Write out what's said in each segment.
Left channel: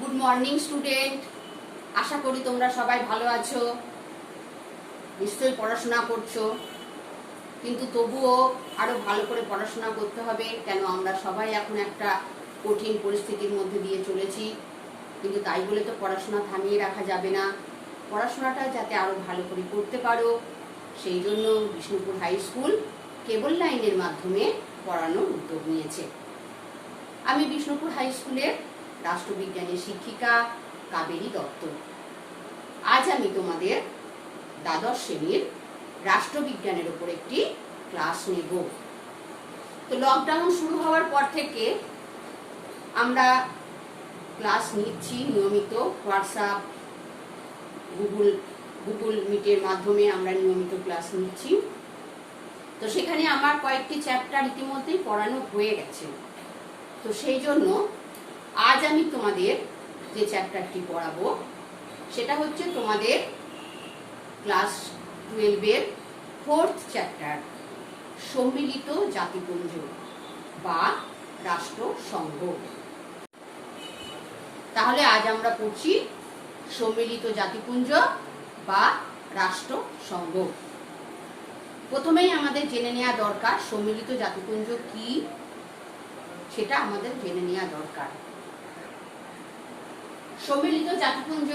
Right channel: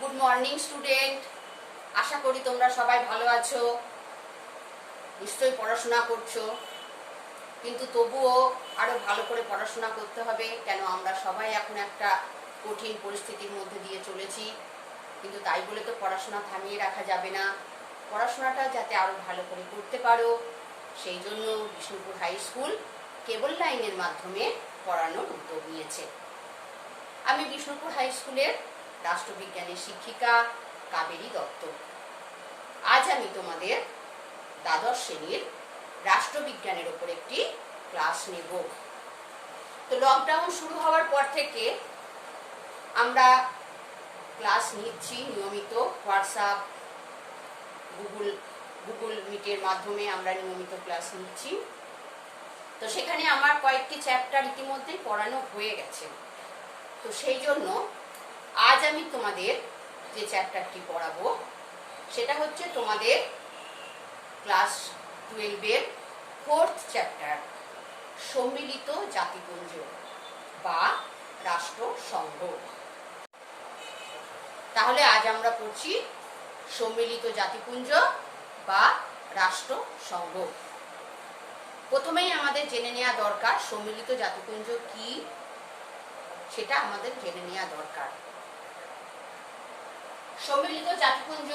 Good morning student. আশা করি তোমরা সবাই ভালো আছো, নিশ্চয়ই পড়াশোনা করছো। কিন্তু তবুও আরো ভালো করে পড়াশোনা করতে হবে, কেন আমরা সবাই এখন একটা কঠিন পরিস্থিতির মধ্যে দিয়ে চলেছি। কিন্তু তাই বলে তো পড়াশোনা থামিয়ে রাখা যাবে না। পড়াশোনাটা যাতে আরো ভালো করে করতে পারো, সেই জন্য বিষ্ণুপুর হাই স্কুল কেবল লাইনের মাধ্যমে পড়ানোর উদ্যোগ নিয়েছে। আমি বিষ্ণুপুর হাই স্কুলের রাষ্ট্রবিজ্ঞানের শিক্ষিকা কাবেরী দত্ত। আজ আমি তোমাদের দ্বাদশ শ্রেণীর রাষ্ট্রবিজ্ঞানের উপর একটি ক্লাস নেব। তো লকডাউন শুরু হওয়ার পর থেকে আমরা ক্লাস নিচ্ছি নিয়মিত, হোয়াটসঅ্যাপ, গুগল মিটের মাধ্যমে আমরা নিয়মিত ক্লাস নিচ্ছি। তো সেখানে আমার কয়েকটি চ্যাপ্টার ইতিমধ্যেই পড়ানো হয়ে গেছে। তো সেই জন্য আজ আমি তোমাদের যে চ্যাপ্টারটি পড়াবো সেটা হচ্ছে তোমাদের ক্লাস 12-এর 4th চ্যাপ্টার, সম্মিলিত জাতিপুঞ্জ বা রাষ্ট্রসংঘ। তাহলে আজ আমরা পড়ছি সম্মিলিত জাতিপুঞ্জ বা রাষ্ট্রসংঘ। প্রথমেই আমাদের জেনে নেওয়া দরকার সম্মিলিত জাতিপুঞ্জ কি, সেটা আমাদের জেনে নেওয়া দরকার। সম্মিলিত জাতিপুঞ্জ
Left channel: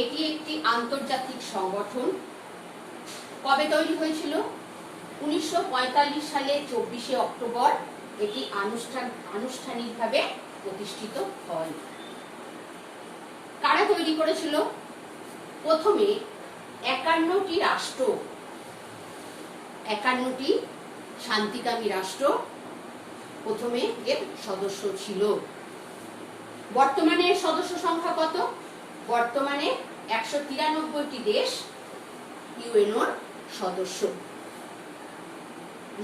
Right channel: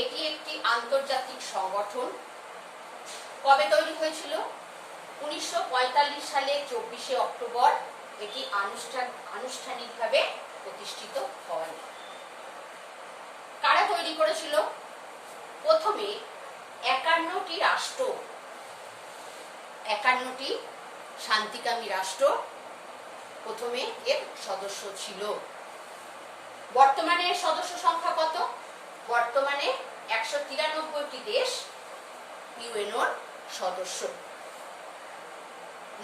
এটি একটি আন্তর্জাতিক সংগঠন। কবে তৈরি হয়েছিল? 1945 সালে 24শে অক্টোবর এটি আনুষ্ঠানিকভাবে প্রতিষ্ঠিত হয়। কারা তৈরি করেছিল? প্রথমে 51টি রাষ্ট্র, 51টি শান্তিকামী রাষ্ট্র প্রথমে এর সদস্য ছিল। বর্তমানে এর সদস্য সংখ্যা কত? বর্তমানে 193টি দেশ ইউএনওর সদস্য।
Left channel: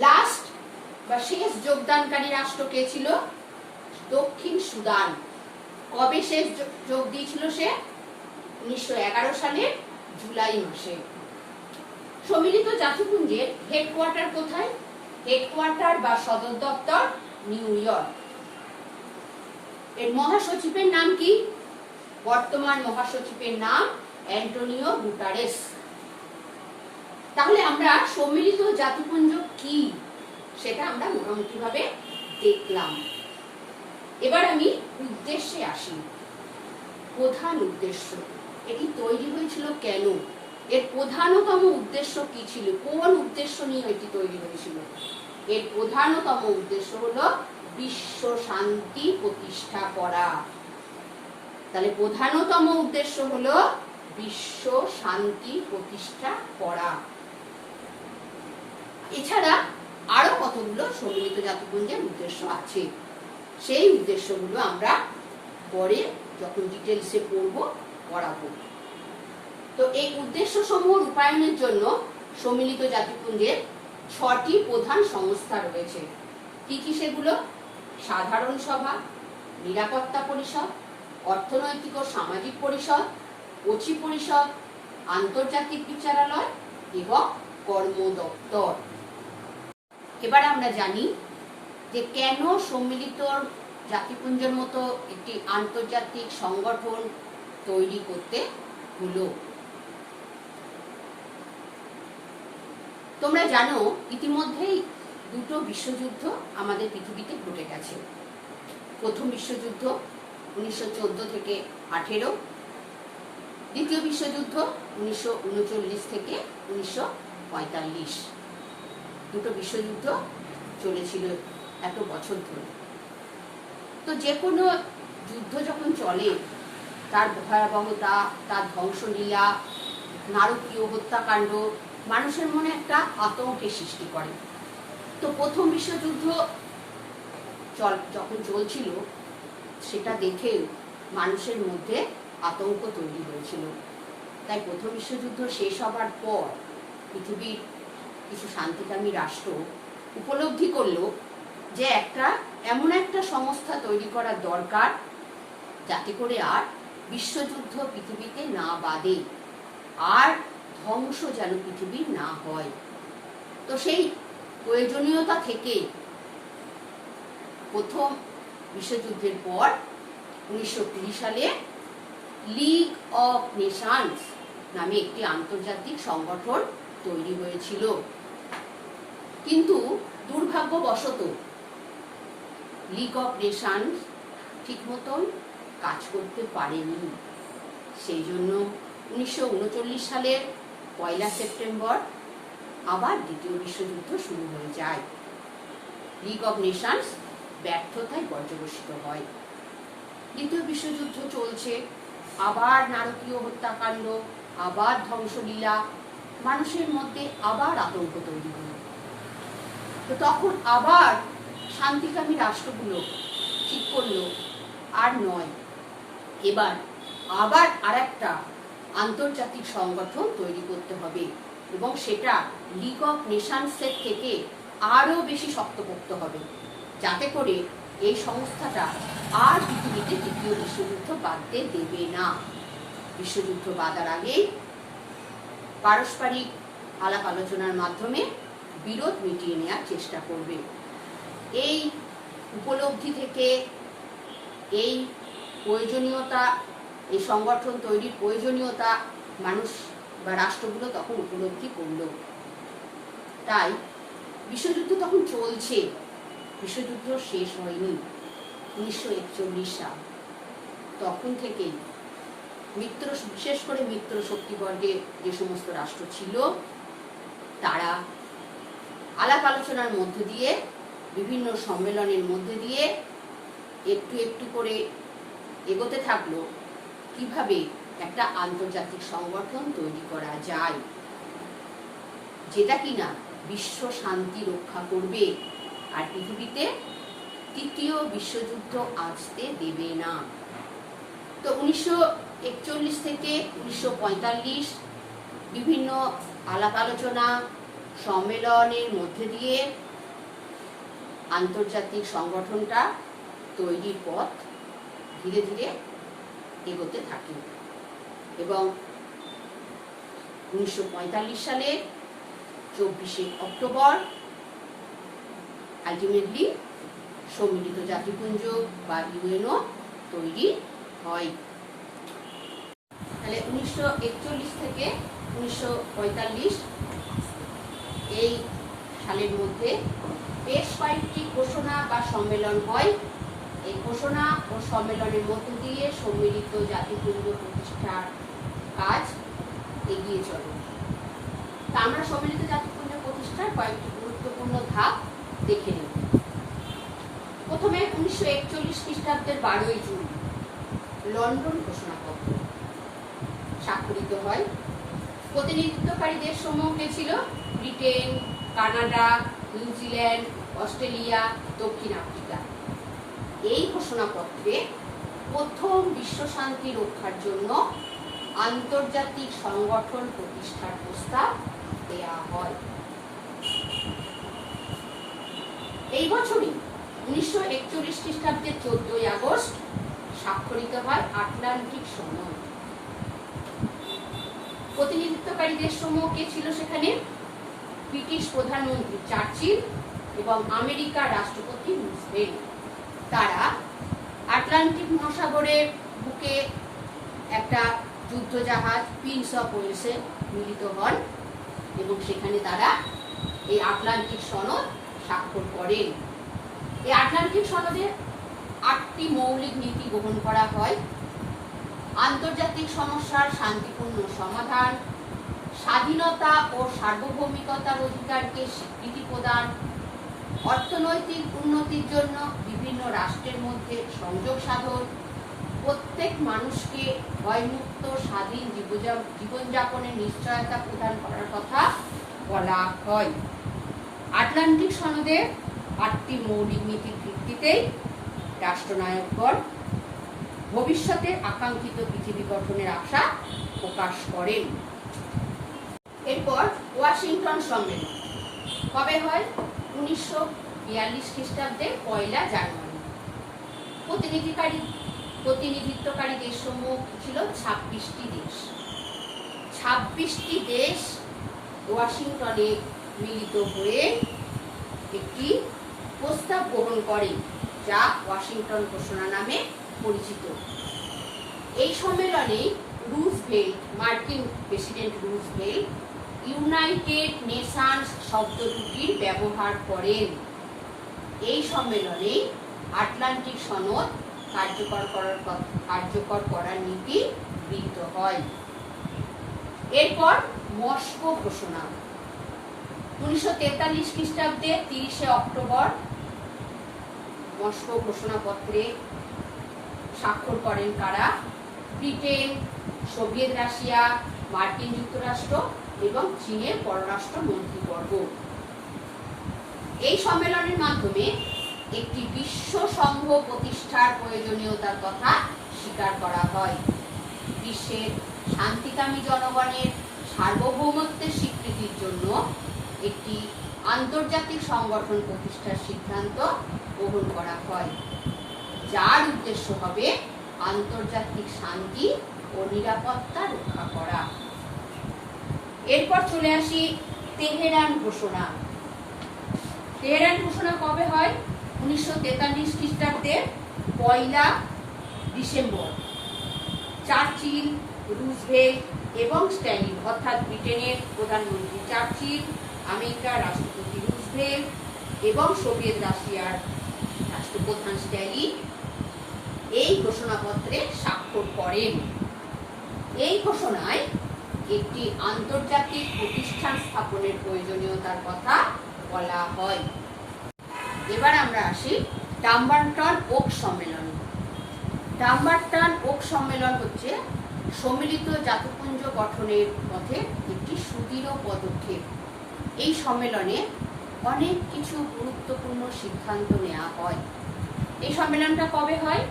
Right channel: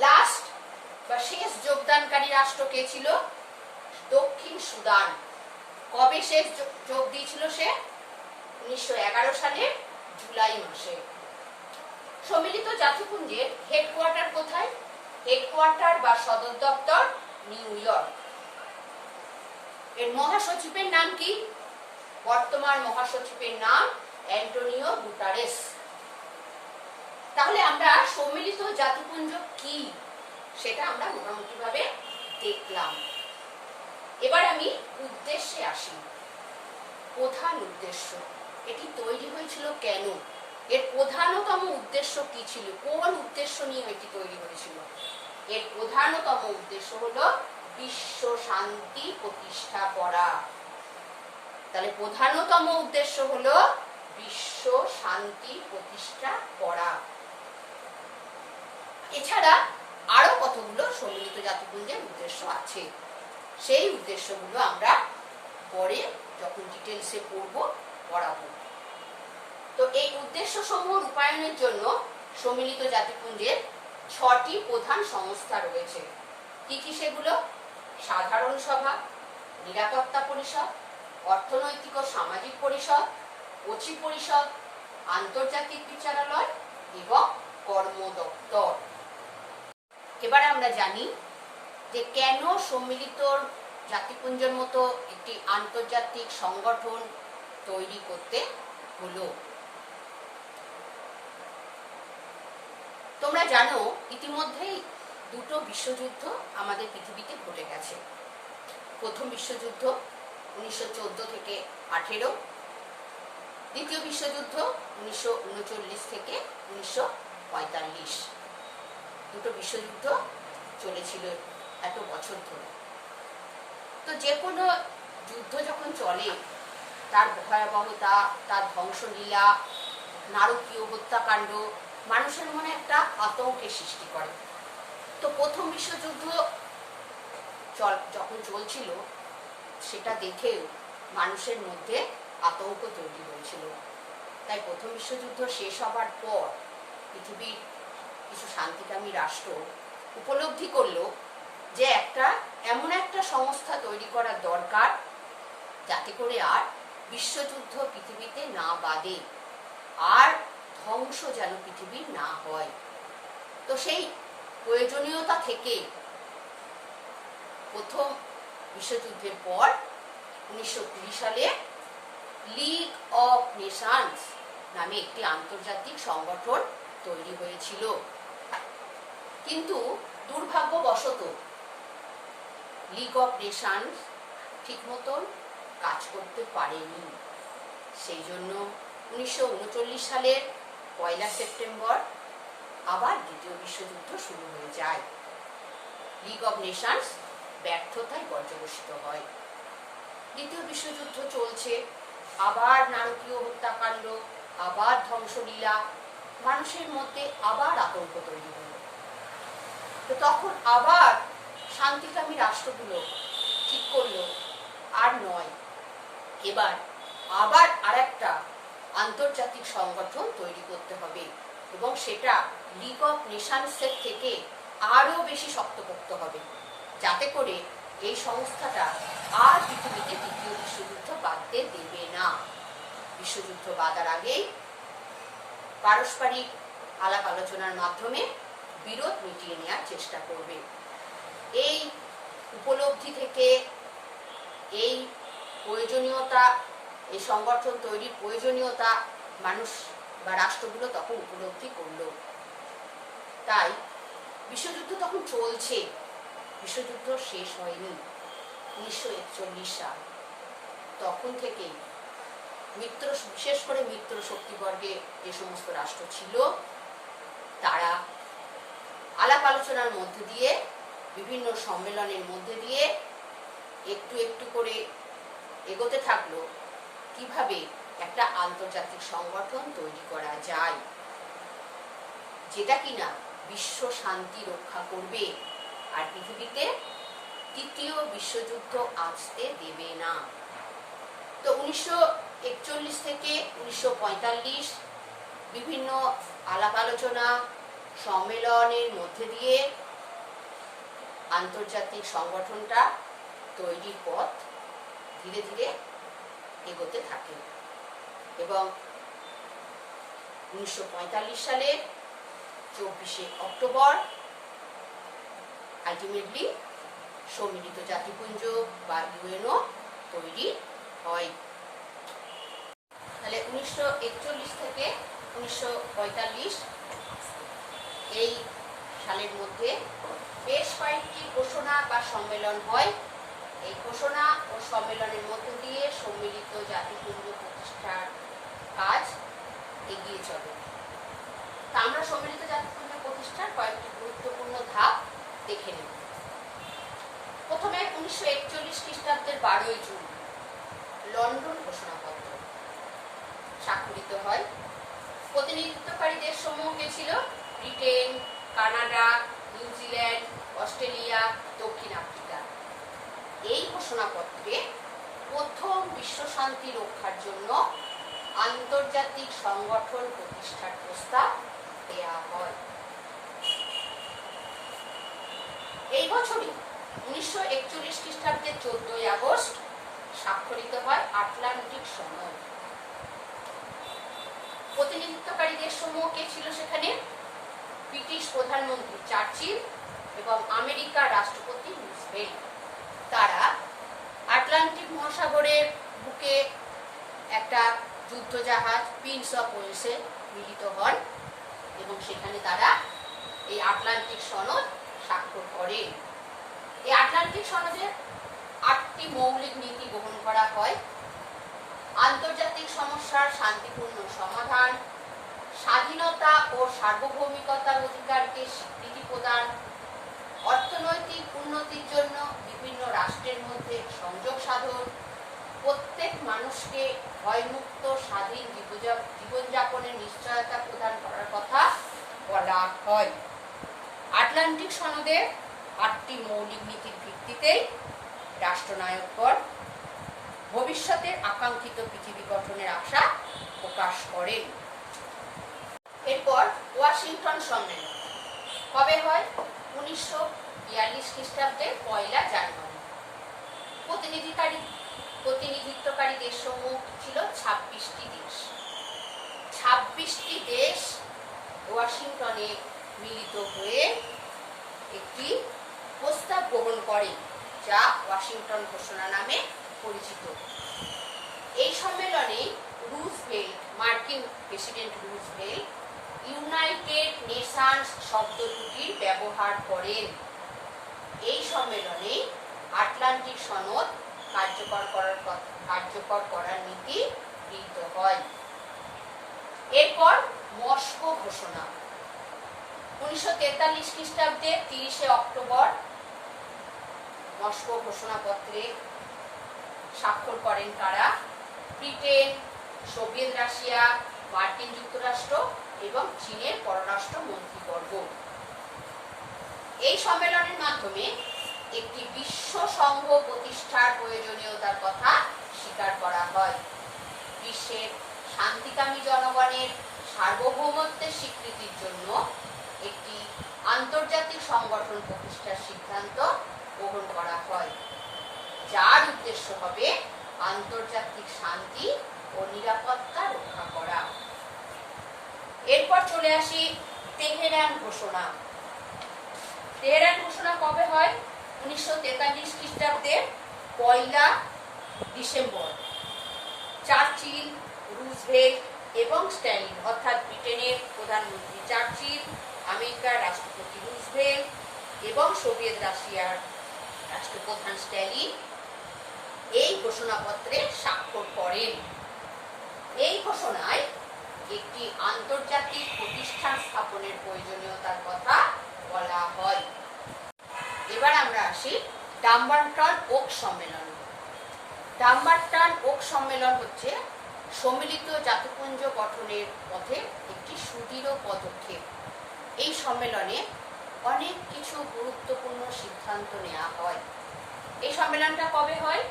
লাস্ট বা শেষ যোগদানকারী রাষ্ট্র কে ছিল? দক্ষিণ সুদান। কবে শেষ যোগ দিয়েছিল সে? 1911 সালের জুলাই মাসে। সম্মিলিত জাতিপুঞ্জের হেডকোয়ার্টার কোথায়? হেডকোয়ার্টার বা সদর দপ্তর নিউ ইয়র্ক। এর মহাসচিবের নাম কি? বর্তমান মহাসচিবের নাম অ্যান্টোনিও গুটারেস। তাহলে আমরা সম্মিলিত জাতিপুঞ্জ কি সেটা আমরা মোটামুটি ভাবে দেখলাম। এবার আমি উদ্দেশ্যে আসি। প্রধান উদ্দেশ্য, এটি তৈরি হয়েছিল কেন? এর প্রধানতম উদ্দেশ্য কি ছিল? কোন উদ্দেশ্য নিয়ে এটি তৈরি হয়েছিল? এর প্রধানতম উদ্দেশ্য হলো বিশ্ব শান্তি প্রতিষ্ঠা করা। তাহলে প্রধানতম উদ্দেশ্য হলো বিশ্ব শান্তি প্রতিষ্ঠা করা। এছাড়া আরো কতগুলো সম্মিলিত জাতিপুঞ্জের উদ্দেশ্য আছে, সেই উদ্দেশ্যগুলো আমরা পরে যখন ডিটেলসে পড়াবো। তো এই উদ্দেশ্য সমূহ রূপায়ণের জন্য সম্মিলিত জাতিপুঞ্জের 6টি প্রধান সংস্থা রয়েছে। কি কি সেগুলো? সাধারণ সভা, নিরাপত্তা পরিষদ, অর্থনৈতিক ও সামাজিক পরিষদ, অচি পরিষদ, আন্তর্জাতিক বিচারালয় এবং কর্ম দপ্তর। এবার আমরা জানি যে কেন সম্মিলিত জাতিপুঞ্জের মতো একটি আন্তর্জাতিক সংগঠন তৈরি করতে হলো। তোমরা জানো ইতিমধ্যেই দুটো বিশ্বযুদ্ধ আমাদের পৃথিবীতে ঘটে গেছে। প্রথম বিশ্বযুদ্ধ 1914 থেকে 18, দ্বিতীয় বিশ্বযুদ্ধ 1939 থেকে 1945। দুটো বিশ্বযুদ্ধ চলেছিল এত বছর ধরে। তো যে কোনো যুদ্ধ যখন চলে তার ভয়াবহতা, তার ধ্বংসলীলা, নারকীয় হত্যাকাণ্ড মানুষের মনে একটা আতঙ্কের সৃষ্টি করে। তো প্রথম বিশ্বযুদ্ধ যখন চলছিল সেটা দেখেও মানুষের মধ্যে আতঙ্ক তৈরি হয়েছিল। তাই প্রথম বিশ্বযুদ্ধ শেষ হবার পর পৃথিবীর কিছু শান্তিকামী রাষ্ট্র উপলব্ধি করলো যে এমন একটা সংস্থা তৈরি করা দরকার যাতে করে আর বিশ্বযুদ্ধ পৃথিবীতে না বাধে, আর ধ্বংস যেন পৃথিবীর না হয়। তো সেই প্রয়োজনীয়তা থেকে প্রথম বিশ্বযুদ্ধের পর 1920 সালে লিগ অফ নেশনস নামে একটি আন্তর্জাতিক সংগঠন তৈরি হয়েছিল, কিন্তু দুর্ভাগ্যবশত লিগ অফ নেশনস ঠিক মতন কাজ করতে পারেনি। সেই জন্য 1939 সালের 1 সেপ্টেম্বর আবার দ্বিতীয় বিশ্বযুদ্ধ শুরু হয়ে যায়। লিগ অফ নেশনস ব্যর্থতায় পর্যবসিত হয়। দ্বিতীয় বিশ্বযুদ্ধ চলছে, আবার নারকীয় হত্যাকাণ্ড, আবার ধ্বংসলীলা, মানুষের মধ্যে আবার আতঙ্ক তৈরি হল। তো তখন আবার শান্তিকামী রাষ্ট্রগুলো ঠিক করলো আর নয়, এবার আবার আরেকটা আন্তর্জাতিক সংগঠন তৈরি করতে হবে, এবং সেটা লিগ অফ নেশনসের থেকে আরো বেশি শক্তপোক্ত হবে, যাতে করে এই সংস্থাটা আর পৃথিবীতে তৃতীয় বিশ্বযুদ্ধ বাঁধতে দেবে না। বিশ্বযুদ্ধ বাঁধার আগেই পারস্পরিক আলাপ আলোচনার মাধ্যমে বিরোধ মিটিয়ে নেওয়ার চেষ্টা করবে। এই উপলব্ধি থেকে এই প্রয়োজনীয়তা, এই সংগঠন তৈরির প্রয়োজনীয়তা মানুষ বা রাষ্ট্রগুলো তখন উপলব্ধি করলো। তাই বিশ্বযুদ্ধ তখন চলছে, বিশ্বযুদ্ধ শেষ হয়নি। 1941 সাল, তখন থেকেই বিশেষ করে মিত্র শক্তিবর্গে যে সমস্ত রাষ্ট্র ছিল, তারা আলাপ আলোচনার মধ্যে দিয়ে, বিভিন্ন সম্মেলনের মধ্যে দিয়ে একটু একটু করে এগোতে থাকলো কিভাবে একটা আন্তর্জাতিক সংগঠন তৈরি করা যায়, যেটা কিনা বিশ্ব শান্তি রক্ষা করবে আর পৃথিবীতে তৃতীয় বিশ্বযুদ্ধ আসতে দেবে না। তো 1941 থেকে 1945 বিভিন্ন আলাপ আলোচনা সম্মেলনের মধ্যে দিয়ে আন্তর্জাতিক সংগঠনটা তৈরির পথ ধীরে ধীরে এগোতে থাকে, এবং 1945 সালে 24শে অক্টোবর আলটিমেটলি সম্মিলিত জাতিপুঞ্জ বা ইউএনও তৈরি হয়। তাহলে 1941 থেকে 1945 এই সালের মধ্যে বেশ কয়েকটি ঘোষণা বা সম্মেলন হয়। এই ঘোষণা ও সম্মেলনের মধ্য দিয়ে সম্মিলিত জাতিপুঞ্জ প্রতিষ্ঠার কাজ এগিয়ে চলে। তা আমরা সম্মিলিত জাতিপুঞ্জ প্রতিষ্ঠার কয়েকটি গুরুত্বপূর্ণ ধাপ দেখে নেব। প্রথমে 1941 খ্রিস্টাব্দের 12ই জুন লন্ডন ঘোষণাপত্র স্বাক্ষরিত হয়। প্রতিনিধিত্বকারী দেশসমূহকে ছিল ব্রিটেন, কানাডা, নিউজিল্যান্ড, অস্ট্রেলিয়া, দক্ষিণ আফ্রিকা। এই ঘোষণাপত্রে প্রথম বিশ্ব শান্তি রক্ষার জন্য আন্তর্জাতিক সংগঠন প্রতিষ্ঠার প্রস্তাব দেয়া হয়। এই বছরই 1941 খ্রিস্টাব্দের 14ই আগস্ট স্বাক্ষরিত হয় আটলান্টিক সনদ। প্রতিনিধিত্বকারী দেশসমূহ কে ছিল সেখানে? ব্রিটিশ প্রধানমন্ত্রী চার্চিল এবং আমেরিকার রাষ্ট্রপতি রুজভেল্ট। তারা আটলান্টিক মহাসাগরের বুকে একটা যুদ্ধজাহাজ প্রিন্স অফ ওয়েলসে মিলিত হন, এবং সেখানে তারা এই আটলান্টিক সনদ স্বাক্ষর করেন। এই আটলান্টিক সনদে 8টি মৌলিক নীতি গ্রহণ করা হয়: আন্তর্জাতিক সমস্যার শান্তিপূর্ণ সমাধান, স্বাধীনতা ও সার্বভৌমিকতার অধিকারকে স্বীকৃতি প্রদান, অর্থনৈতিক উন্নতির জন্য বিভিন্ন রাষ্ট্রের মধ্যে সংযোগ সাধন, প্রত্যেক মানুষকে ভয়মুক্ত স্বাধীন জীবনযাপনের নিশ্চয়তা প্রদান করার কথা বলা হয়। আটলান্টিক সনদে 8টি মৌলিক নীতির ভিত্তিতে রাষ্ট্রনায়কগণ ভবিষ্যতের আকাঙ্ক্ষিত পৃথিবী গঠনের আশা প্রকাশ করেন। এরপর ওয়াশিংটন সম্মেলন কবে হয়? 1942 খ্রিস্টাব্দের 1 জানুয়ারি। প্রতিনিধিত্বকারী দেশসমূহ ছিল 26টি দেশ। 26টি দেশ ওয়াশিংটনে মিলিত হয়ে একটি প্রস্তাব গ্রহণ করে, যা ওয়াশিংটন ঘোষণা নামে পরিচিত। এই সম্মেলনে রুজভেল্ট, মার্কিন প্রেসিডেন্ট রুজভেল্ট ইউনাইটেড নেশনস শব্দটির ব্যবহার করেন। এই সম্মেলনে আটলান্টিক সনদ কার্যকর করার নীতি গৃহীত হয়। এরপর মস্কো ঘোষণা। 1943 খ্রিস্টাব্দে 30 অক্টোবর মস্কো ঘোষণাপত্রে স্বাক্ষর করেন কারা? ব্রিটেন, সোভিয়েত রাশিয়া, মার্কিন যুক্তরাষ্ট্র এবং চীনের পররাষ্ট্র মন্ত্রীবর্গ। এই সম্মেলনের মাধ্যমে একটি বিশ্ব সংঘ প্রতিষ্ঠার প্রয়োজনীয়তার কথা স্বীকার করা হয়। বিশ্বের শান্তিকামী জনগণের সার্বভৌমত্বের স্বীকৃতির জন্য একটি আন্তর্জাতিক সংগঠন প্রতিষ্ঠার সিদ্ধান্ত গ্রহণ করা হয়, যার উদ্দেশ্য হবে আন্তর্জাতিক শান্তি ও নিরাপত্তা রক্ষা করা। এরপর চলে আসি তেহরান ঘোষণা। তেহরান ঘোষণা কবে হয়? 1943 খ্রিস্টাব্দের 1 ডিসেম্বর। চার্চিল, রুজভেল্ট এবং স্ট্যালিন, অর্থাৎ ব্রিটেনের প্রধানমন্ত্রী চার্চিল, আমেরিকার রাষ্ট্রপতি রুজভেল্ট এবং সোভিয়েত রাশিয়ার রাষ্ট্রপ্রধান স্ট্যালিন এই ঘোষণাপত্রে স্বাক্ষর করেন। এই ঘোষণায় একটি আন্তর্জাতিক প্রতিষ্ঠান স্থাপনের প্রয়োজনীয়তার কথা বলা হয়। এবার আমরা আসি ডাম্বারটন ওক সম্মেলন। ডাম্বারটন ওক সম্মেলন হচ্ছে সম্মিলিত জাতিপুঞ্জ গঠনের পথে একটি সুদৃঢ় পদক্ষেপ। এই সম্মেলনে অনেক কিছু গুরুত্বপূর্ণ সিদ্ধান্ত নেওয়া হয়। এই সম্মেলনটা কবে হয়?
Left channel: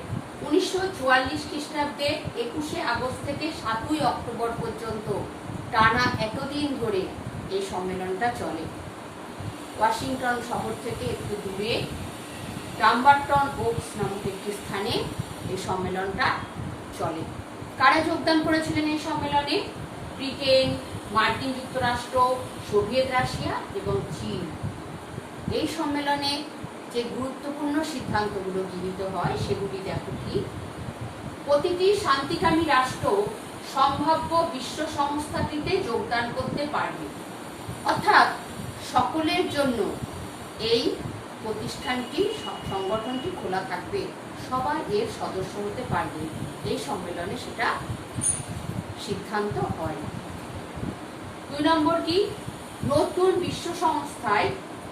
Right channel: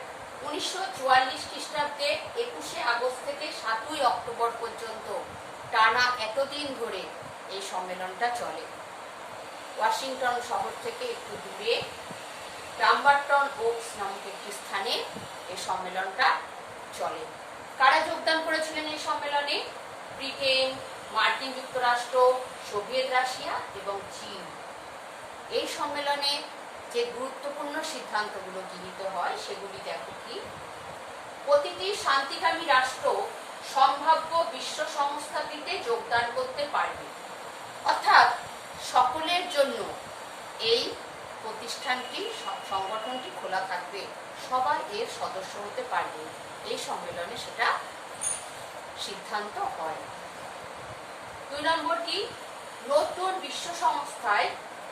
1944 খ্রিস্টাব্দে 21 আগস্ট থেকে 7 অক্টোবর পর্যন্ত টানা এতদিন ধরে এই সম্মেলনটা চলে। ওয়াশিংটন শহর থেকে একটু দূরে ডাম্বারটন ওকস নামক একটি স্থানে এই সম্মেলনটা চলে। কারা যোগদান করেছিলেন এই সম্মেলনে? ব্রিটেন, মার্কিন যুক্তরাষ্ট্র, সোভিয়েত রাশিয়া এবং চীন। এই সম্মেলনে যে গুরুত্বপূর্ণ সিদ্ধান্তগুলো গৃহীত হয় সেগুলি দেখো কি? প্রতিটি শান্তিকামী রাষ্ট্র সম্ভাব্য বিশ্ব সংস্থাটিতে যোগদান করতে পারবে, অর্থাৎ সকলের জন্য এই প্রতিষ্ঠানটি, সংগঠনটি খোলা থাকবে, সবাই এর সদস্য হতে পারবে। এই সম্মেলনে সেটা সিদ্ধান্ত হয়। 2 নম্বর কি? নতুন বিশ্ব সংস্থায়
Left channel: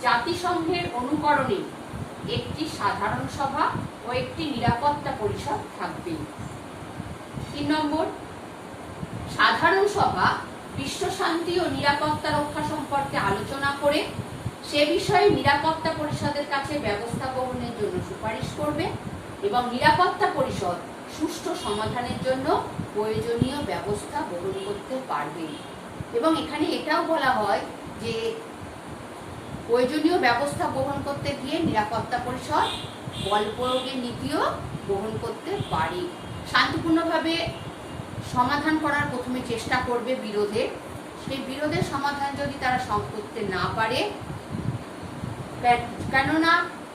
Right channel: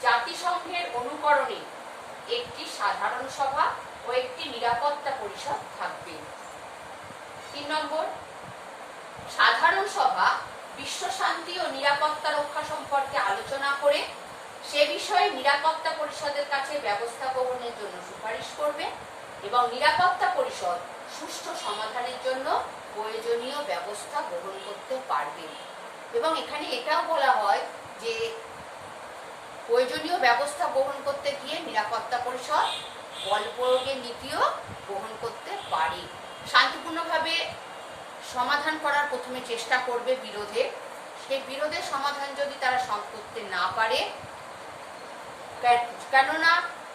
জাতিসংঘের অনুকরণে একটি সাধারণ সভা ও একটি নিরাপত্তা পরিষদ থাকবে। 3 নম্বর, সাধারণ সভা বিশ্ব শান্তি ও নিরাপত্তা রক্ষা সম্পর্কে আলোচনা করে সে বিষয়ে নিরাপত্তা পরিষদের কাছে ব্যবস্থা গ্রহণের জন্য সুপারিশ করবে এবং নিরাপত্তা পরিষদ সুষ্ঠু সমাধানের জন্য প্রয়োজনীয় ব্যবস্থা গ্রহণ করতে পারবে। এবং এখানে এটাও বলা হয় যে প্রয়োজনীয় ব্যবস্থা গ্রহণ করতে গিয়ে নিরাপত্তা পরিষদ বল প্রয়োগের নীতিও গ্রহণ করতে পারে। শান্তিপূর্ণভাবে সমাধান করার প্রথমে চেষ্টা করবে বিরোধের, সেই বিরোধের সমাধান যদি তারা করতে না পারে, কেননা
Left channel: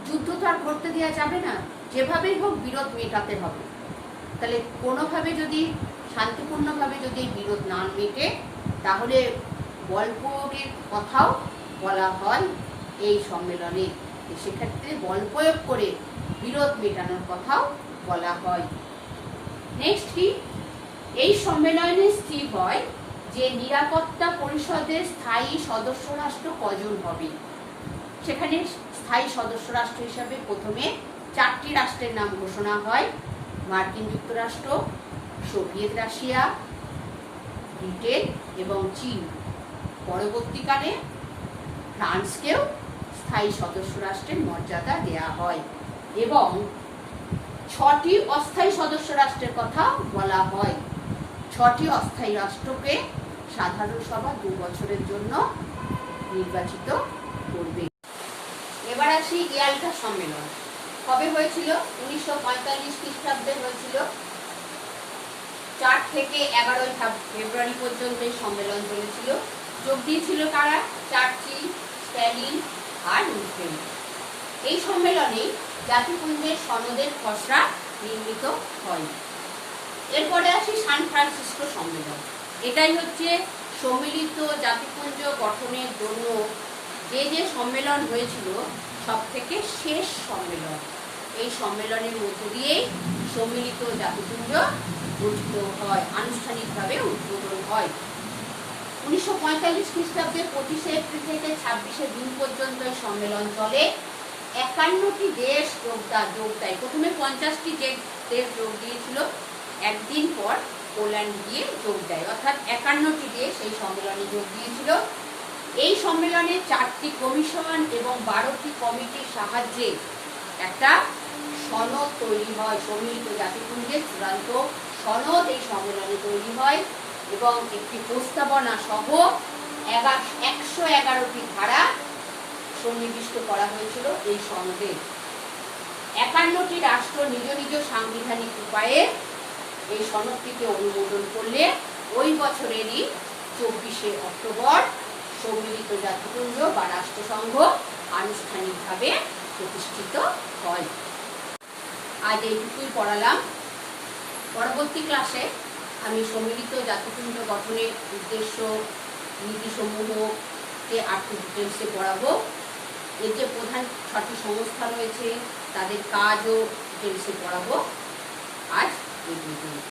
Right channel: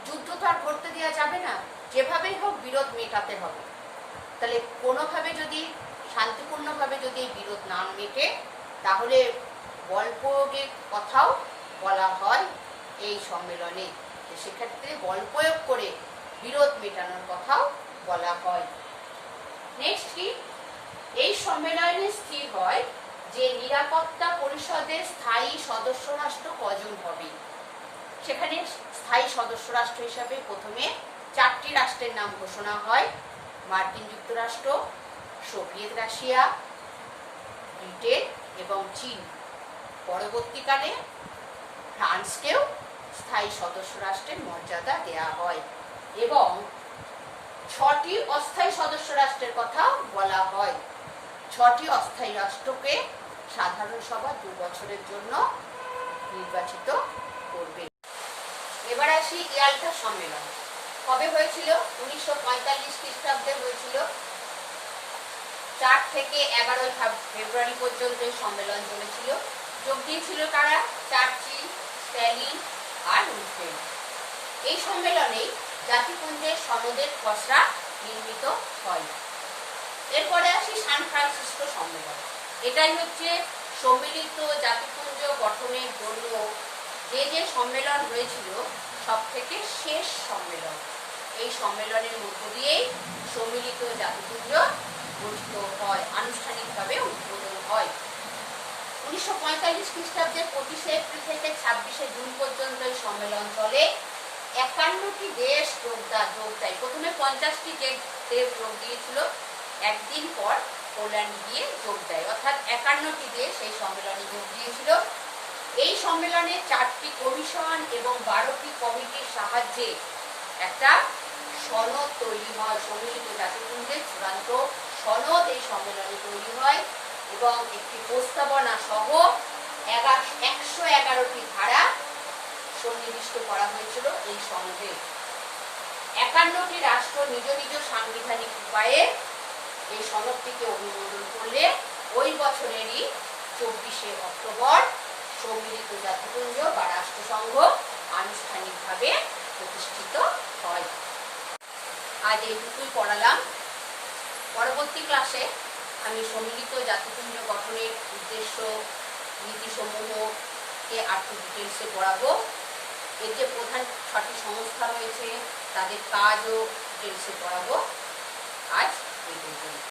যুদ্ধ তো আর করতে দেওয়া যাবে না, যেভাবেই হোক বিরোধ মেটাতে হবে। তাহলে কোনোভাবে যদি শান্তিপূর্ণভাবে যদি বিরোধ না মেটে, তাহলে বল প্রয়োগের কথাও বলা হয় এই সম্মেলনে। সেক্ষেত্রে বল প্রয়োগ করে বিরোধ মেটানোর কথাও বলা হয়। নেক্সট কি? এই সম্মেলনে স্থির হয় যে নিরাপত্তা পরিষদের স্থায়ী সদস্য রাষ্ট্র কজন হবে। সেখানে স্থায়ী সদস্য রাষ্ট্র হিসাবে প্রথমে 4টি রাষ্ট্রের নাম ঘোষণা হয়: মার্কিন যুক্তরাষ্ট্র, সোভিয়েত রাশিয়া, ব্রিটেন এবং চীন। পরবর্তীকালে ফ্রান্সকেও স্থায়ী সদস্য রাষ্ট্রের মর্যাদা দেয়া হয় এবং 6টি অস্থায়ী সদস্য রাষ্ট্রের কথা বলা হয়। 6টি অস্থায়ী রাষ্ট্রকে সাধারণ সভা 2 বছরের জন্য নির্বাচিত করবে। এবার আসি ইয়াল্টা সম্মেলন। কবে হয়েছিল? 1945 খ্রিস্টাব্দে হয়েছিল। 4 থেকে 11 ফেব্রুয়ারি পর্যন্ত এই সম্মেলন চলেছিল। যোগ দিয়েছিল কারা? চার্চিল, স্ট্যালিন আর রুজভেল্ট। এই সম্মেলনে জাতিপুঞ্জের সনদের খসড়া নির্মিত হয়। এরপরে আসি সান ফ্রান্সিসকো সম্মেলন। এটাই হচ্ছে সম্মিলিত জাতিপুঞ্জ গঠনের জন্য যে সম্মেলন হয়েছিল সব থেকে শেষ সম্মেলন। এই সম্মেলনের মধ্য দিয়েই সম্মিলিত জাতিপুঞ্জ গঠিত হয়, আনুষ্ঠানিকভাবে উদ্বোধন হয়। 1945 খ্রিস্টাব্দে 25 এপ্রিল থেকে 26 জুন পর্যন্ত এই সম্মেলন চলে। 51টি দেশ যোগ দেয়। প্রথমে 50টি দেশ যোগ দিয়েছিল, একদিন পর পোল্যান্ড গিয়ে যোগ দেয়, অর্থাৎ 51টি দেশ এই সম্মেলনে যোগ দিয়েছিল। এই সম্মেলনে 4টি কমিশন এবং 12টি কমিটির সাহায্যে একটা সনদ তৈরি হয়। সম্মিলিত জাতিপুঞ্জের চূড়ান্ত সনদ এই সম্মেলনে তৈরি হয় এবং একটি প্রস্তাবনা সহ 111টি ধারা সন্নিবিষ্ট করা হয়েছিল এই সনদে। 51টি রাষ্ট্র নিজ নিজ সাংবিধানিক উপায়ে এই সনদটিকে অনুমোদন করলে ওই বছরেরই 24 অক্টোবর সম্মিলিত জাতিপুঞ্জ বা রাষ্ট্রসংঘ আনুষ্ঠানিকভাবে প্রতিষ্ঠিত হয়। আজ এইটুকুই পড়ালাম। পরবর্তী ক্লাসে আমি সম্মিলিত জাতিপুঞ্জ গঠনের উদ্দেশ্য, নীতিসমূহকে আরেকটু ডিটেলসে পড়াবো। এর যে প্রধান 6টি সংস্থা রয়েছে তাদের কাজও ডিটেলসে পড়াবো। আজ এই পর্যন্ত।